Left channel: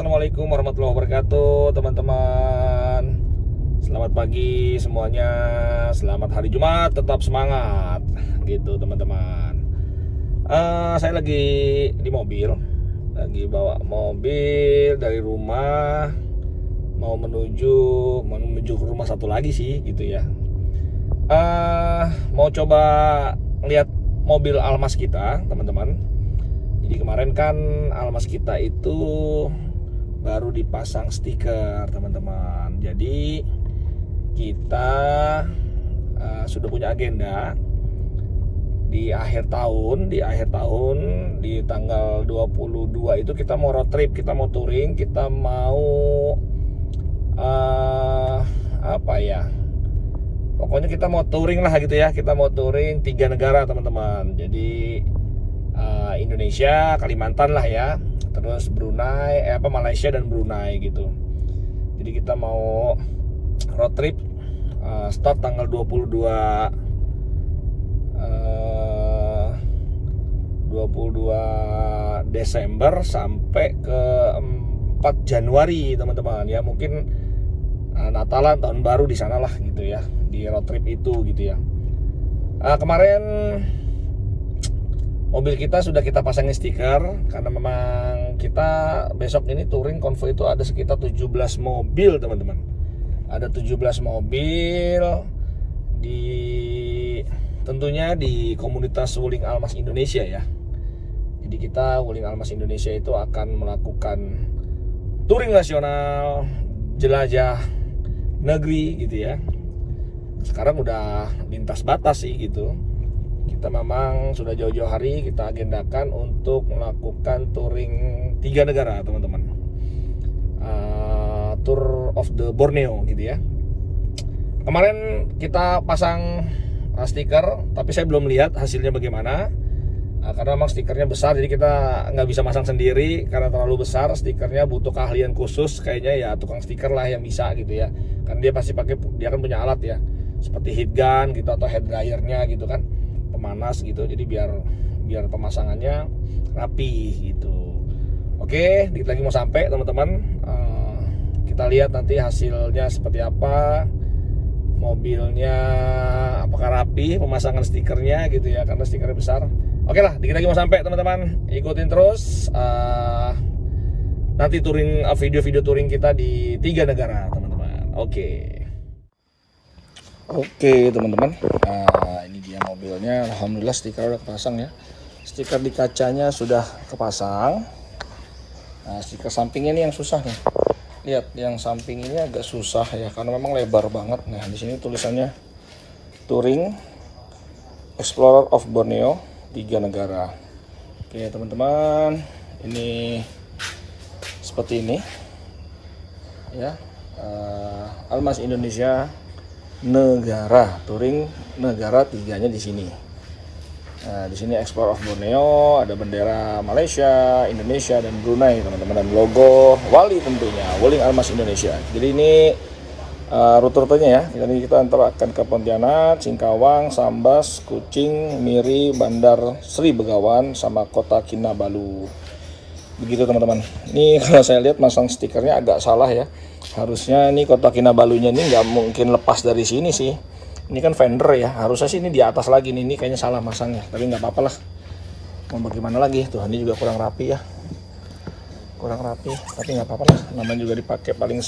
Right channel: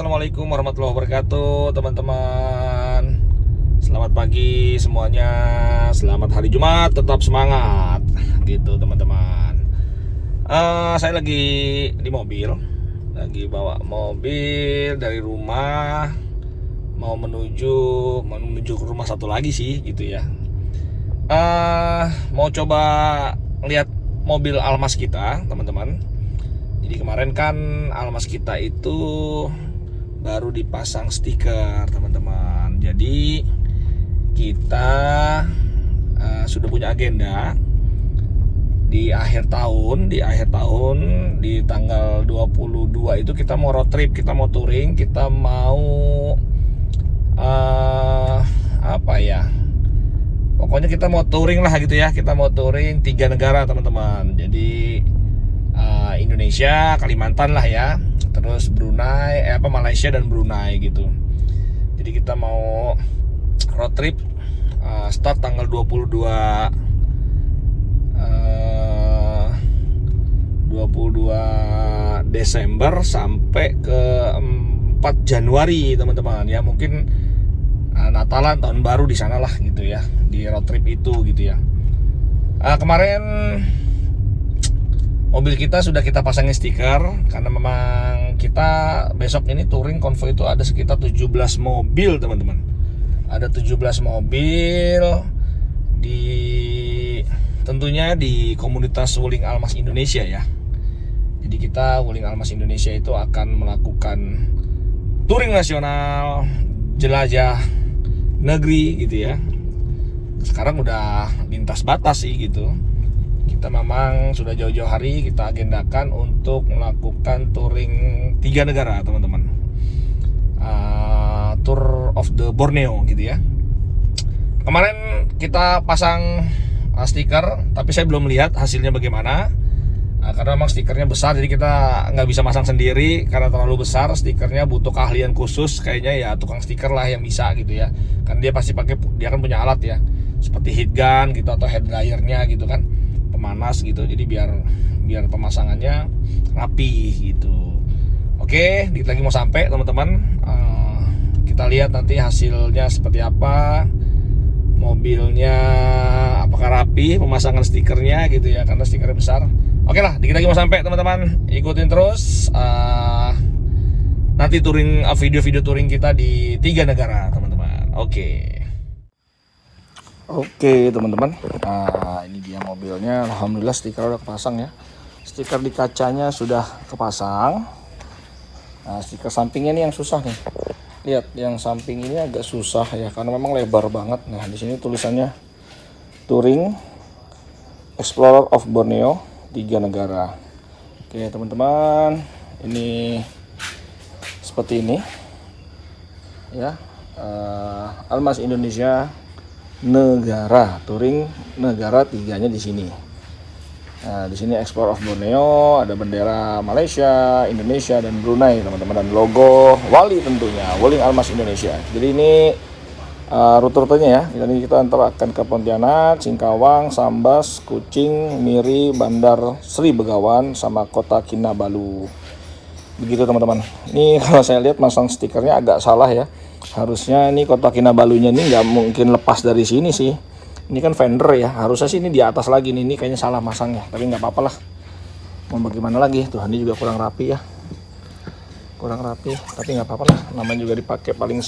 Assalamualaikum warahmatullahi wabarakatuh, teman-teman. Selamat pagi semuanya. Selamat hari Jumat, tetap semangat gitu, teman-teman. Saya lagi di mobil, lagi bawa mobil dari rumah mau menuju ke rumah satu lagi sih gitu ya. Mau coba lihat mobil Almas kita, teman-teman. Jadi kemarin kan Almas kita itu baru dipasang stiker, teman-teman. Jadi kita sudah punya agenda di akhir tahun, di tanggal 22 itu kita mau road trip, kita mau touring, kita mau apa ya? Pokoknya kita mau touring lah gitu ya. Kita mau touring 3 negara, teman-teman. Jadi Indonesia, Kalimantan lah ya. Terus Brunei, Malaysia dan Brunei gitu. Jadi kita mau road trip start tanggal 22 Desember sampai ke 4 Januari, teman-teman ya. Mungkin Natalan, tahun baru di sana lah gitu ya, di road trip itu gitu ya. Kemarin mobil kita sudah kita pasangin stiker karena memang kita besok ini touring konvoy itu ada sekitar 17 mobil, teman-teman. Ada 17 mobil tentunya di komunitas Wuling Almas Indonesia ya. Jadi kita Wuling Almas Indonesia itu akan melakukan touring nasional, jelajah negeri gitu ya. Sekarang udah lintas batas sih gitu. Kita memang sudah jauh-jauh hari kita agendakan untuk melakukan touring 3 negara, teman-teman. Tour of the Borneo gitu ya. Kemarin kita pasang stiker, tapi saya belum lihat hasilnya bagaimana. Karena memang stikernya besar, jadi kita nggak bisa masang sendiri karena terlalu besar. Stikernya butuh keahlian khusus, kayaknya ya tukang stiker lah yang bisa gitu ya. Karena dia pasti dia kan punya alat ya, seperti heat gun gitu atau head dryernya gitu kan, pemanas gitu. Jadi biar pemasangannya rapi gitu. Oke, dikit lagi mau sampai, teman-teman. Kita lihat nanti hasilnya seperti apa, mobilnya apakah rapi, pemasangan stikernya gitu ya, karena stikernya besar. Oke lah, dikit lagi mau sampai, teman-teman. Ikutin terus nanti touring, video-video touring kita di 3 negara, teman-teman. Oke, teman-teman. Ini dia mobilnya. Alhamdulillah stiker udah kepasang ya. Stiker di kacanya sudah kepasang. Stiker sampingnya ini yang susah nih. Lihat, yang samping ini agak susah ya karena memang lebar banget. Nah, di sini tulisannya Touring Explorer of Borneo 3 negara. Oke, teman-teman, ini seperti ini ya. Almas Indonesia negara, touring negara 3-nya di sini. Nah, di sini Explorer of Borneo, ada bendera Malaysia, Indonesia dan Brunei, teman-teman, dan logo Wali tentunya, Wuling Almas Indonesia. Jadi ini rute-rutenya ya. Kita antara akan ke Pontianak, Singkawang, Sambas, Kucing, Miri, Bandar Sri Begawan, sama Kota Kinabalu. Begitu, teman-teman. Ini kalau saya lihat masang stikernya agak salah ya. Harusnya ini Kota Kinabalunya ini nggak mungkin lepas dari sini sih. Ini kan fender ya, harusnya sih ini di atas lagi nih. Ini kayaknya salah masang ya, tapi nggak apa-apa lah. Mau bagaimana lagi? Tuh, ini juga kurang rapi ya. Kurang rapi, tapi nggak apa-apa lah. Namanya juga dipakai paling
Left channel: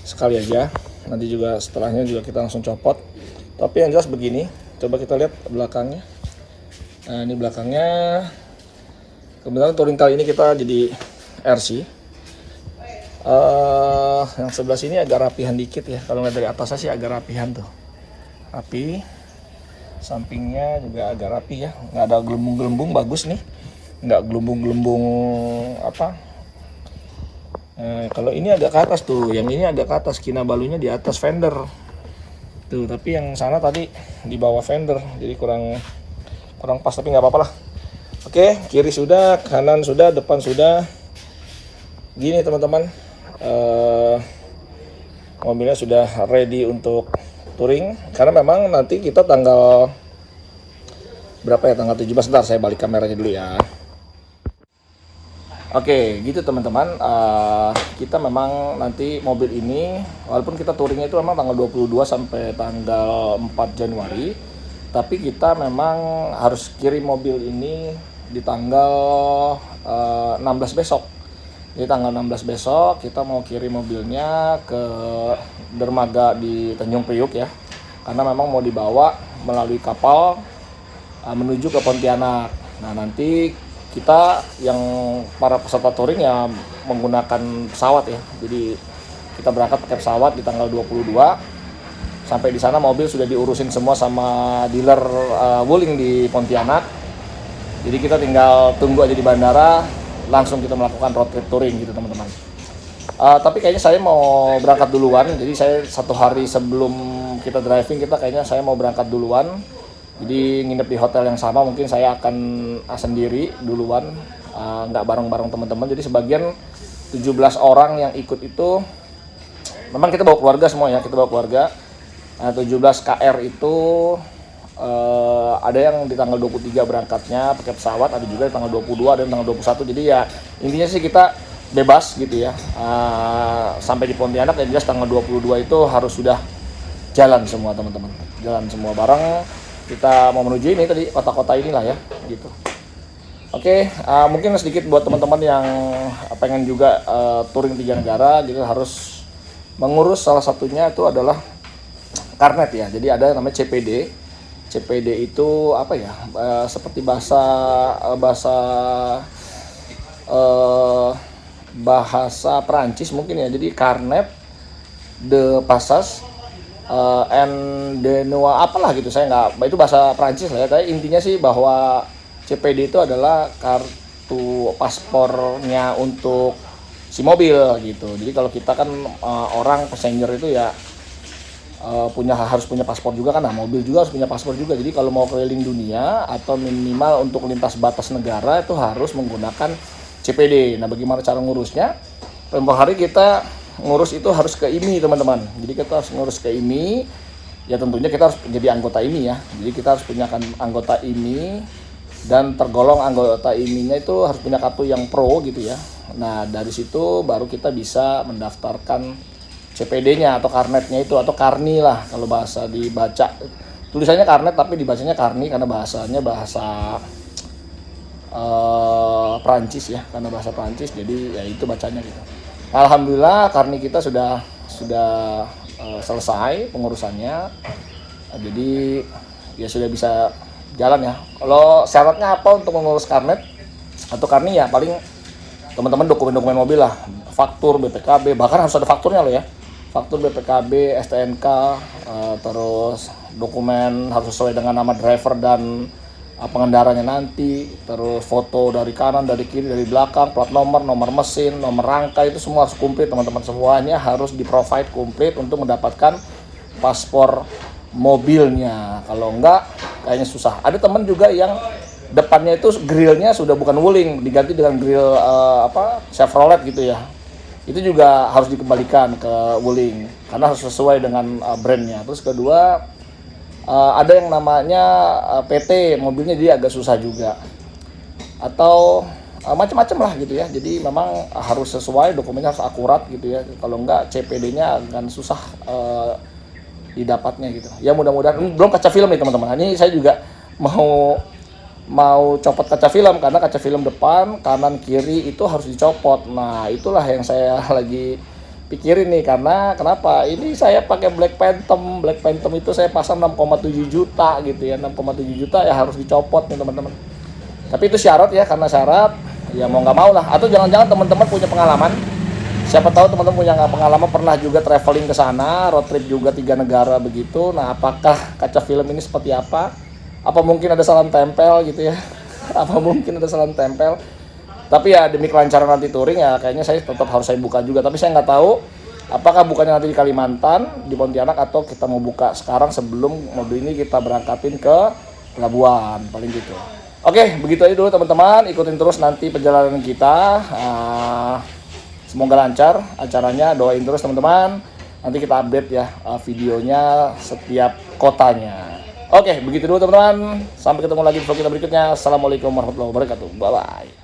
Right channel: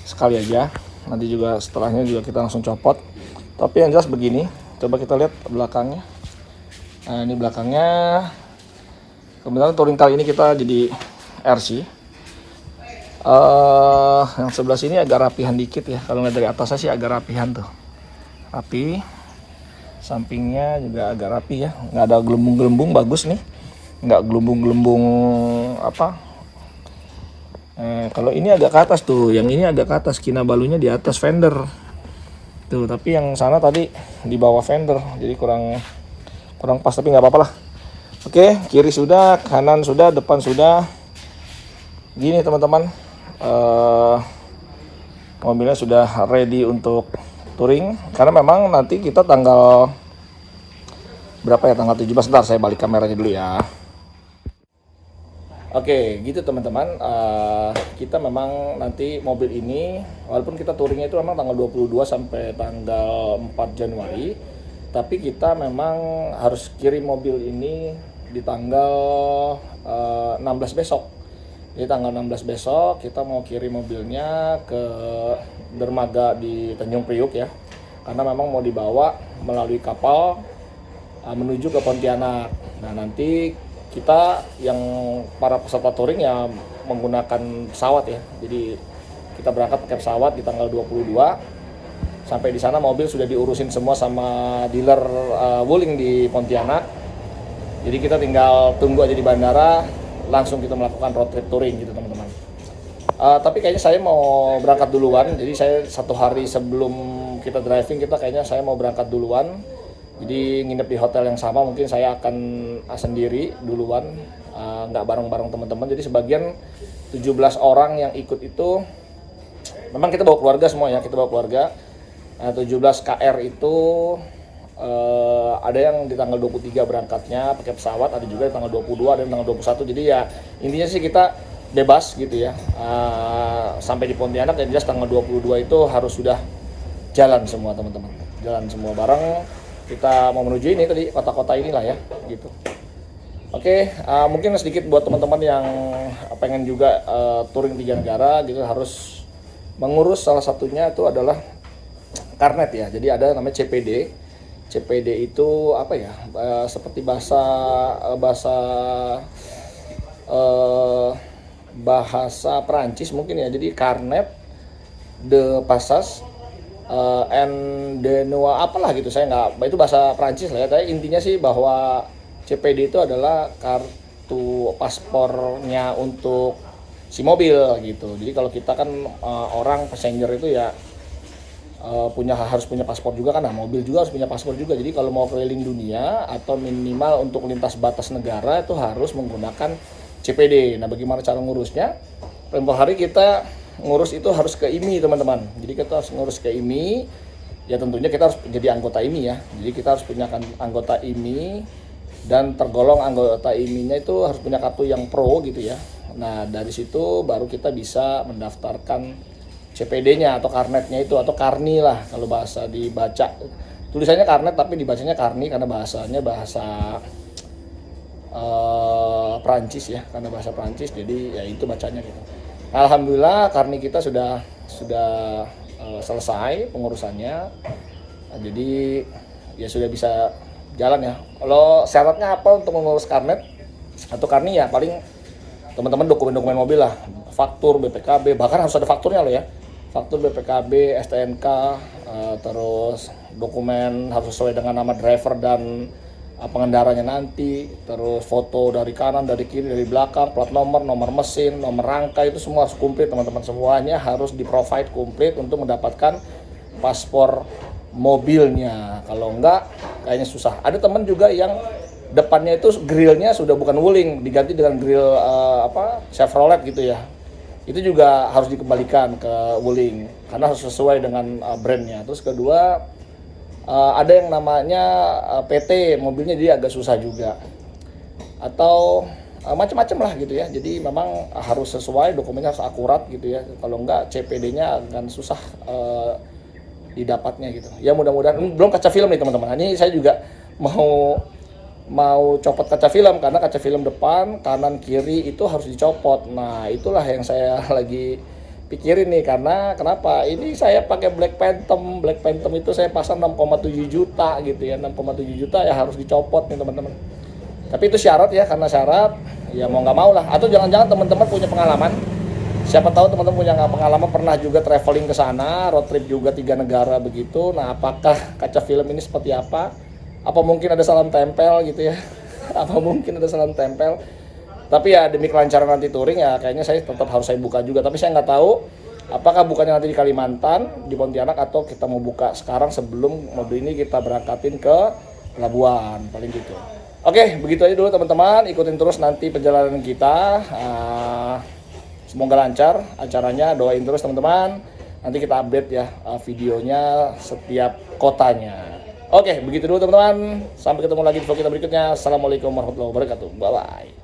sekali aja. Nanti juga setelahnya juga kita langsung copot. Tapi yang jelas begini, coba kita lihat belakangnya. Nah, ini belakangnya. Kebetulan touring kali ini kita jadi RC. Yang sebelah sini agak rapihan dikit ya. Kalau nggak dari atasnya sih agak rapihan tuh. Rapi. Sampingnya juga agak rapi ya. Nggak ada gelembung-gelembung, bagus nih. Nggak gelembung-gelembung apa. Kalau ini agak ke atas tuh. Yang ini agak ke atas. Kinabalunya di atas fender. Tuh, tapi yang sana tadi di bawah fender. Jadi kurang pas, tapi nggak apa-apa lah. Oke, kiri sudah, kanan sudah, depan sudah. Gini, teman-teman. Mobilnya sudah ready untuk touring karena memang nanti kita tanggal berapa ya, tanggal 17. Bentar, saya balik kameranya dulu ya. Oke, gitu teman-teman. Kita memang nanti mobil ini, walaupun kita touringnya itu memang tanggal 22 sampai tanggal 4 Januari, tapi kita memang harus kirim mobil ini di tanggal 16 besok. Di tanggal 16 besok kita mau kirim mobilnya ke dermaga di Tanjung Priuk ya, karena memang mau dibawa melalui kapal menuju ke Pontianak. Nah nanti kita yang para peserta touring ya menggunakan pesawat ya. Jadi kita berangkat pakai pesawat di tanggal 22. Sampai di sana mobil sudah diurusin semua sama dealer Wuling di Pontianak. Jadi kita tinggal tunggu aja di bandara, langsung kita melakukan road trip touring gitu teman-teman. Tapi kayaknya saya mau berangkat duluan. Jadi saya 1 hari sebelum kita driving kayaknya saya mau berangkat duluan. Jadi nginep di hotel yang sama, mungkin saya akan sendiri duluan, nggak bareng-bareng teman-teman. Jadi sebagian 17 orang yang ikut itu, memang kita bawa keluarga semua ya, kita bawa keluarga. 17 KR itu ada yang di tanggal 23 berangkatnya pakai pesawat, ada juga di tanggal 22, ada di tanggal 21. Jadi ya intinya sih kita bebas gitu ya. Sampai di Pontianak yang jelas tanggal 22 itu harus sudah jalan semua teman-teman. Jalan semua bareng. Kita mau menuju ini tadi kota-kota inilah ya gitu. Oke, mungkin sedikit buat teman-teman yang pengen juga touring 3 negara gitu, harus mengurus salah satunya itu adalah karnet ya. Jadi ada namanya CPD. CPD itu apa ya? Seperti bahasa Perancis mungkin ya. Jadi karnet de passage and Denua apalah gitu, saya nggak, itu bahasa Prancis lah ya. Tapi intinya sih bahwa CPD itu adalah kartu paspornya untuk si mobil gitu. Jadi kalau kita kan orang passenger itu ya harus punya paspor juga kan. Nah mobil juga harus punya paspor juga. Jadi kalau mau keliling dunia atau minimal untuk lintas batas negara itu harus menggunakan CPD. Nah bagaimana cara ngurusnya? Tempoh hari kita ngurus itu harus ke IMI teman-teman. Jadi kita harus ngurus ke IMI. Ya tentunya kita harus menjadi anggota IMI ya. Jadi kita harus punya anggota IMI, dan tergolong anggota IMI-nya itu harus punya kartu yang pro gitu ya. Nah dari situ baru kita bisa mendaftarkan CPD-nya atau karnetnya itu, atau karni lah kalau bahasa dibaca. Tulisannya karnet tapi dibacanya karni karena bahasanya bahasa Prancis ya, karena bahasa Prancis. Jadi ya itu bacanya gitu. Alhamdulillah karni kita sudah selesai pengurusannya. Jadi ya sudah bisa jalan ya. Kalau syaratnya apa untuk mengurus karnet atau karni ya, paling teman-teman dokumen-dokumen mobil lah, faktur BPKB, bahkan harus ada fakturnya loh ya. Faktur BPKB, STNK, terus dokumen harus sesuai dengan nama driver dan pengendaranya nanti, terus foto dari kanan, dari kiri, dari belakang, plat nomor, nomor mesin, nomor rangka, itu semua harus komplit teman-teman. Semuanya harus di-provide komplit untuk mendapatkan paspor mobilnya. Kalau enggak kayaknya susah. Ada teman juga yang depannya itu grillnya sudah bukan Wuling, diganti dengan grill Chevrolet gitu ya. Itu juga harus dikembalikan ke Wuling karena harus sesuai dengan brandnya. Terus kedua, ada yang namanya PT mobilnya, jadi agak susah juga, atau macam-macam lah gitu ya. Jadi memang harus sesuai, dokumennya harus akurat gitu ya. Kalau enggak CPD-nya akan susah didapatnya gitu. Ya mudah-mudahan. Belum kaca film nih teman-teman. Ini saya juga mau copot kaca film, karena kaca film depan, kanan, kiri itu harus dicopot. Nah itulah yang saya lagi pikirin nih, karena kenapa ini saya pakai Black Phantom itu saya pasang 6,7 juta gitu ya, 6,7 juta ya harus dicopot nih teman-teman. Tapi itu syarat ya, karena syarat ya mau nggak mau lah. Atau jangan-jangan teman-teman punya pengalaman, siapa tahu teman-teman punya pengalaman pernah juga traveling ke sana, road trip juga 3 negara begitu. Nah apakah kaca film ini seperti apa mungkin ada salam tempel gitu ya apa mungkin ada salam tempel. Tapi ya demi kelancaran nanti touring ya kayaknya saya tetap harus saya buka juga. Tapi saya nggak tahu apakah bukanya nanti di Kalimantan, di Pontianak, atau kita mau buka sekarang sebelum mobil ini kita berangkatin ke pelabuhan, paling gitu. Oke, begitu aja dulu teman-teman. Ikutin terus nanti perjalanan kita. Semoga lancar acaranya, doain terus teman-teman. Nanti kita update ya videonya setiap kotanya. Oke, begitu dulu teman-teman. Sampai ketemu lagi di vlog kita berikutnya. Assalamualaikum warahmatullahi wabarakatuh. Bye-bye.